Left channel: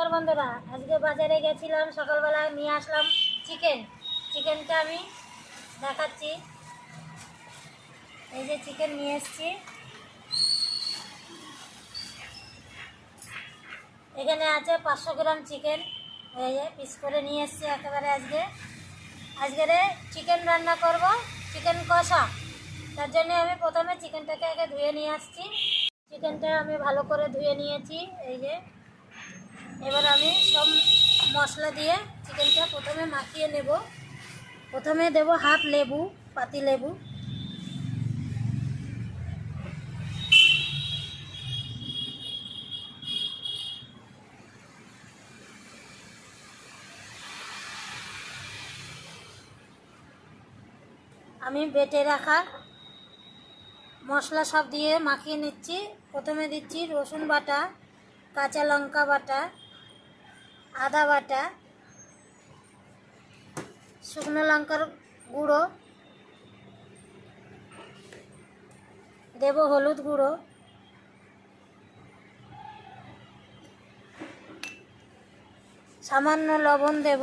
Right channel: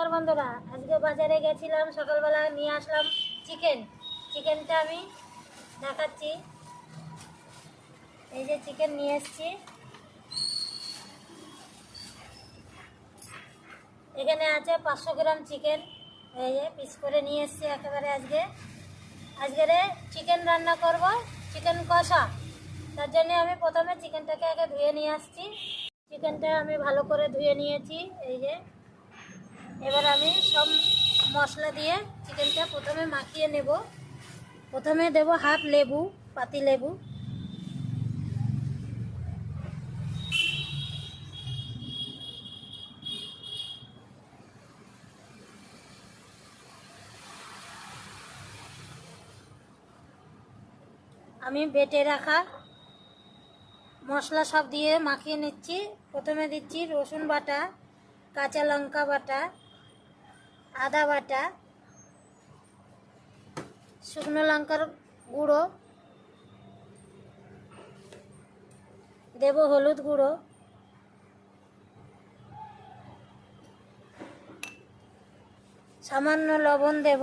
নমস্কার বন্ধুরা, আজকে বাজারে গেছিলাম, সকালবেলা নিয়ে আসলাম চিকেন চিকেনটা আমি দেখাচ্ছি। এই যে চিকেন নিয়ে এসেছি। এখানে আছে পাঁচশো গ্রাম চিকেন এই যে পিস করে নিয়ে এসেছি একেবারে আজকে। আজকের চিকেন রান্না করব চিকেন কষা। তার জন্য আমি প্রথমে চিকেনটাকে আগে ধুয়ে নিয়ে আসছি। চিকেনটা আমি ভালো করে ধুয়ে নিয়েছি, এই যে। এবার আমি সব মশলা দিয়ে চিকেনটা প্রথমে মাখিয়ে নেব। প্রথমে দেব হাফ লেবু, পাতি লেবু। আমি বেটে রাখা মশলা সব দিয়ে মাখিয়ে নিচ্ছি। প্রথমে দিচ্ছি রসুন বাটা, কাঁচা লঙ্কা বাটা আদা বাটা, শুকনো লঙ্কার গুঁড়ো, দেব হলুদ গুঁড়ো, সামান্য লবণ দেব,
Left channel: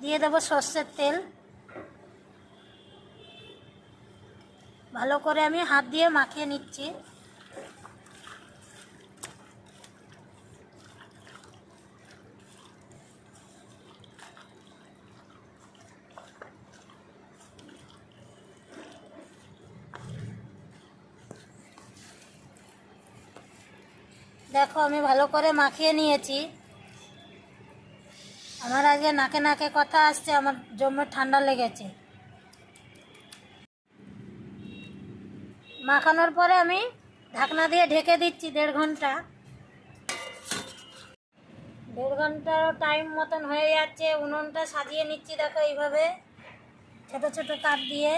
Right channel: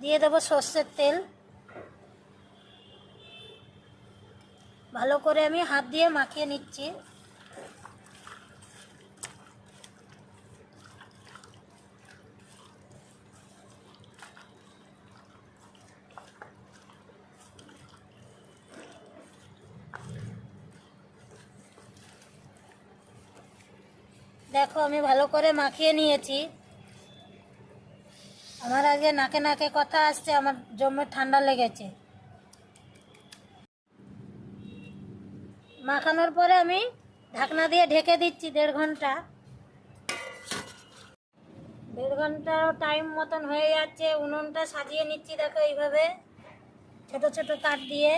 দিয়ে দেবো সর্ষের তেল। ভালো করে আমি হাত দিয়ে মাখিয়ে নিচ্ছি। দেখো, আমি ভালো করে মাখিয়ে নিয়েছি। আমার আগে নাকে নাকে কথা আসছে, আমার জমে ঠান্ডা লেগেছে। মাখানোর পরে আমি ঢাকনা দিয়ে ঢেকে দিচ্ছি দেড় ঘণ্টা। দেড় ঘণ্টার টাইম মতন হয়ে যাচ্ছে, উনুনটা সাজিয়ে নিচ্ছি, দেখো এইভাবে, ছোট ছোট কাঠ দিয়ে।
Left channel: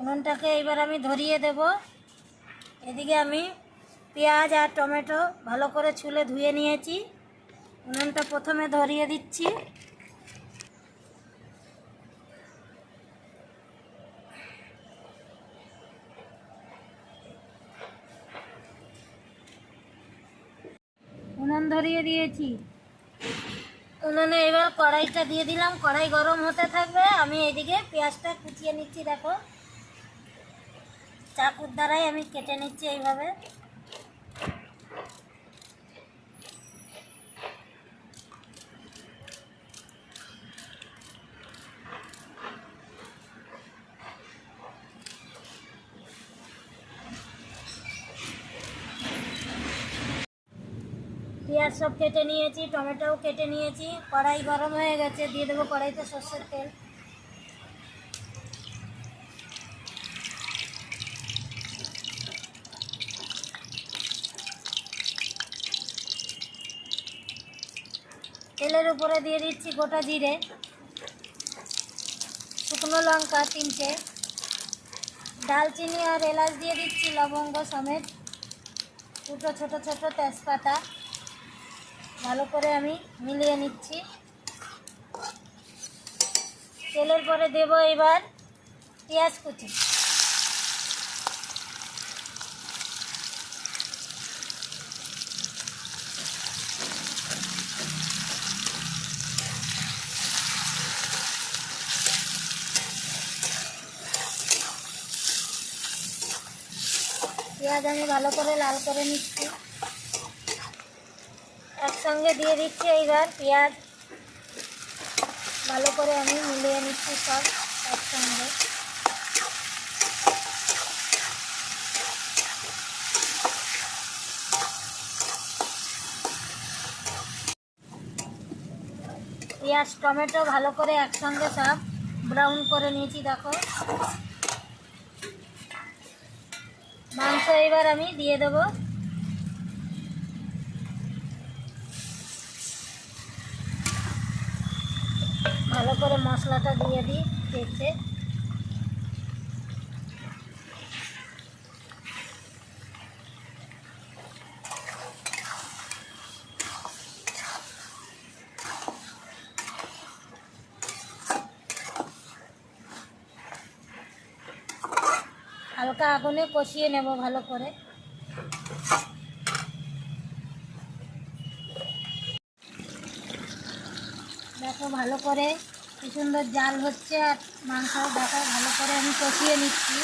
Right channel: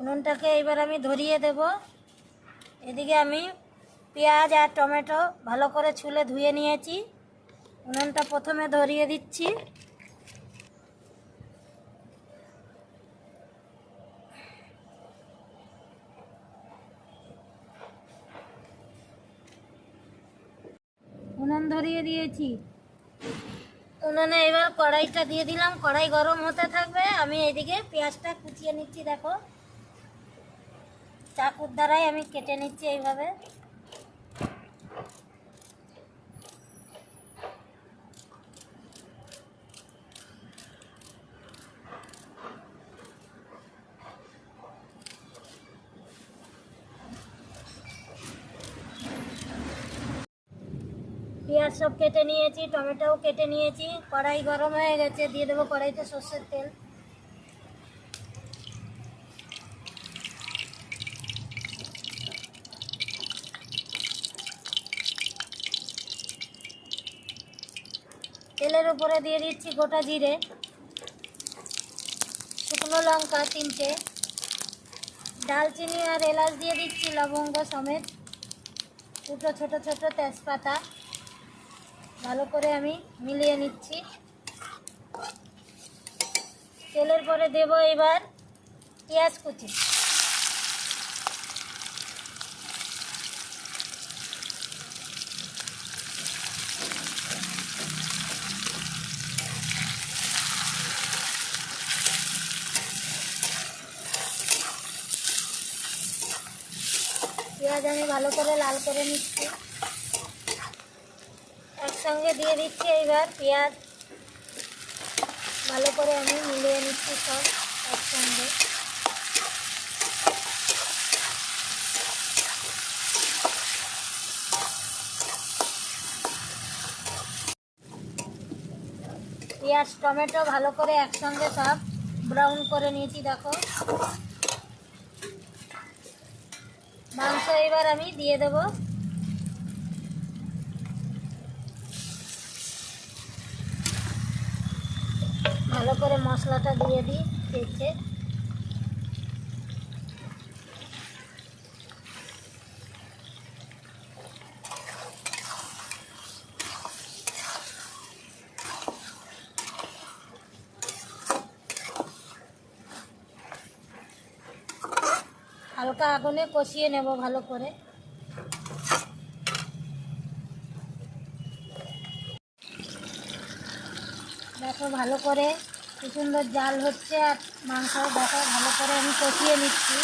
উনুনটাকে এবার আমি ধরিয়ে দেব। এদিকে আমি পেঁয়াজ আর টমেটো ভালো করে ছুলে ধুয়ে নিয়েছি। উনুনটা প্রথমে ধরিয়ে দিচ্ছি। উনুন ধরিয়ে দিয়েছি। উনুনে এবার কড়াইটা দিয়ে দিলাম। কড়াই গরম হতে থাকবে। আমি এদিকে পেঁয়াজটা কুচিয়ে নিচ্ছি, দেখো। চাকুর দ্বারাই আমি কেটে নিচ্ছি এইভাবে। পেঁয়াজ সব কেটে নিয়েছি, টমেটোও কেটে নিয়েছি, কড়াই গরম হয়ে গেছে, দিয়ে দেবো কড়াইতে সর্ষের তেল। তেলের উপরে দিয়ে দিচ্ছি গোটা জিরে, শুকনো লঙ্কা তিনটে, ডালচিনি আর এলাচ দিয়ে দিচ্ছি লবঙ্গ সমেত, দুটো ছোট ছোট তেজপাতা, ভালো করে আমি মিলিয়ে নিচ্ছি। তেলের পরে দেব এবার পেঁয়াজ কুচি। পেঁয়াজ আমি ভালো করে লাল করে নিচ্ছি। একসঙ্গে দিয়ে দিচ্ছি এইবার পেঁয়াজ। ভালো করে আমি মিলিয়ে নিচ্ছি সব একসঙ্গে। পেঁয়াজ, টমেটো ভালো করে একসঙ্গে সব ব্রাউন করে নিয়েছি, দেখো। মাংস এবার আমি দিয়ে দেব। ভালো করে মশলাটা দিয়ে দিই পেঁচে হালকা আগুনে কষিয়ে নেব ভালো করে। দেখো ভালো করে কি সুন্দর জাল হচ্ছে আর মাংস দেখো ভালো করে আমি কষিয়ে নিচ্ছি।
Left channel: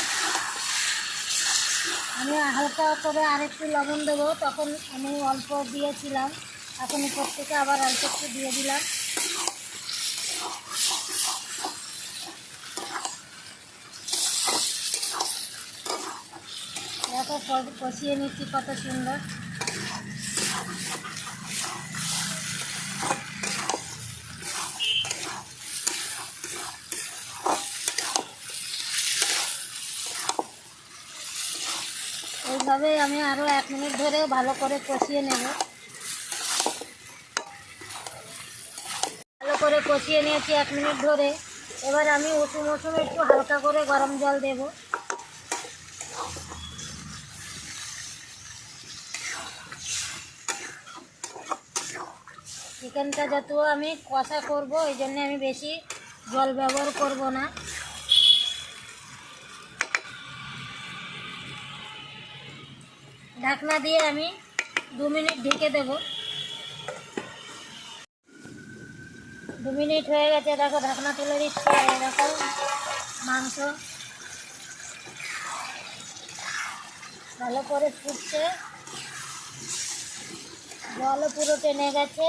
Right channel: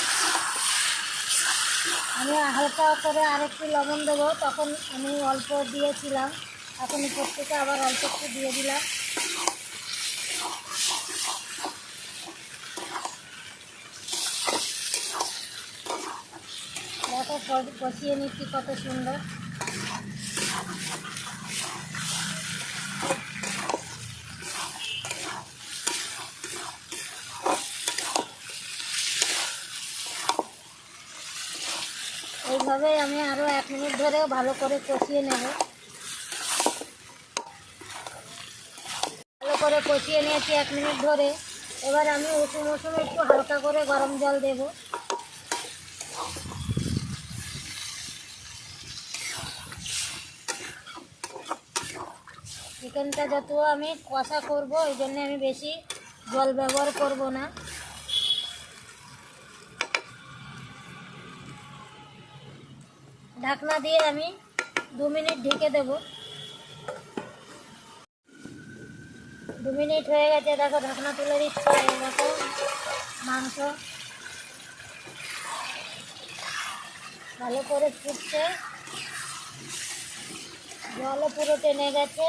আমি হালকা করে আরেকটু লবণ দেবো, তখন আমি অল্প দিয়েছিলাম, এখন উপর থেকে আবার অল্প একটু দিয়ে দিলাম। কষিয়ে নিচ্ছি, কত সুন্দর। এইভাবে আমি আরও এক মিনিট ধরে ভালো করে কষিয়ে নেব। ভালো করে কষিয়ে নিয়েছি এক মিনিট ধরে। এবার আমি উষুম উষুম একটু হালকা করে গরম জল দেব। চিকেনটা যত আমি কষা করব, ওই জন্য আমি বেশি জল ব্যবহার করব না। ঢাকনা দিয়ে আমি দু মিনিট ঢেকে দেব। দু মিনিট হয়ে গেছে, দেখো ঢাকনা তুলে দিচ্ছে দেখো মাংস ভালো করে ফুটছে। জলও পুরো টেনে গেছে।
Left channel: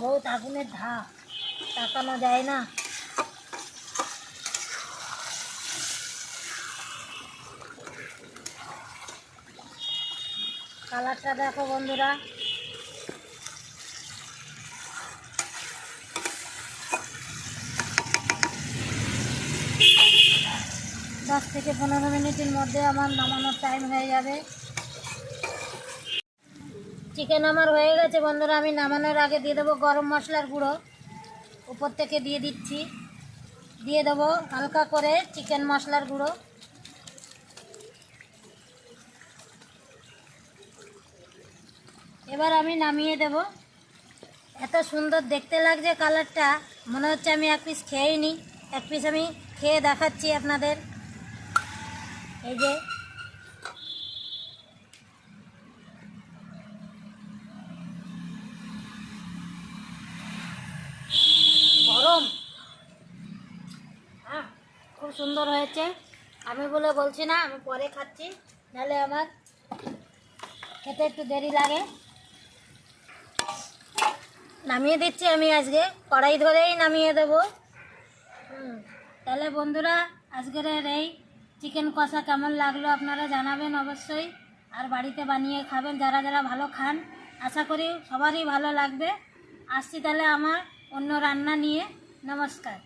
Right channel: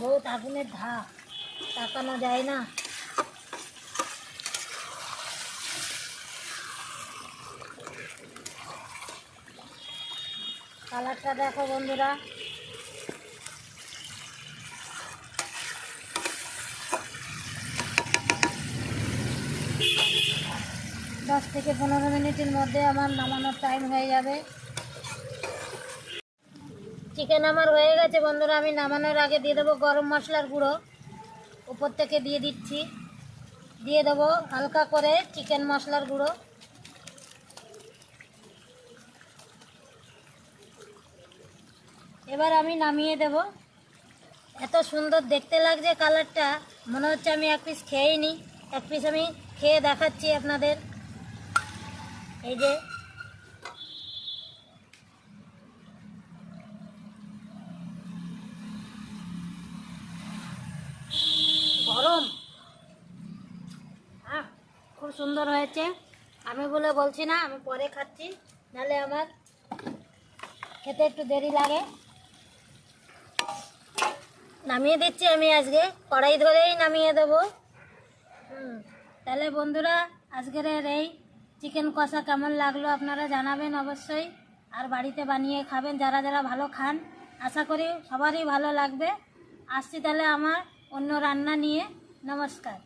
বহুত আগুনের ধাপ। তাকানো যায় না। কালারটা দেখো বন্ধুরা। দশ থেকে পনেরো মিনিটের মধ্যে আমার নামানোর টাইম হয়ে যাবে। চিকেন আমার হয়ে গেছে, বন্ধুরা, আমি নামানোর আগে দিয়ে দেবো গরম মশলার গুঁড়ো। উপর থেকে দিয়ে দিচ্ছি। দিয়ে দেবো হালকা করে চিকেন মশলার গুঁড়ো। এবার আমি নামিয়ে দেব। এত সুন্দর দেখতে লাগছে কালারটা। মনে হচ্ছে আমি এক পিস খেয়েই নিই এক পিস আমি খেয়ে দেখাচ্ছি আপনাদের। এই যে গরম হ্যাঁ খুব সুন্দর হয়েছে। আমি বলে বলছি না, আমি পরে খাচ্ছি। নাহলে আমার খেতে একটু দেরি লাগে। নামিয়ে দিচ্ছি আমি আজকে। কড়াই ধরেই নামিয়ে দেবো। তাহলে বন্ধুরা, আজকের এই চিকেন কষা কেমন লাগল আপনারা জানাবেন অবশ্যই। আর বাড়িতে বানিয়ে খাবেন, যারা যারা ভালো খান, আশা করি সবারই ভালো লাগবে। আসছি তাহলে আমার অন্য রান্না নিয়ে। নমস্কার।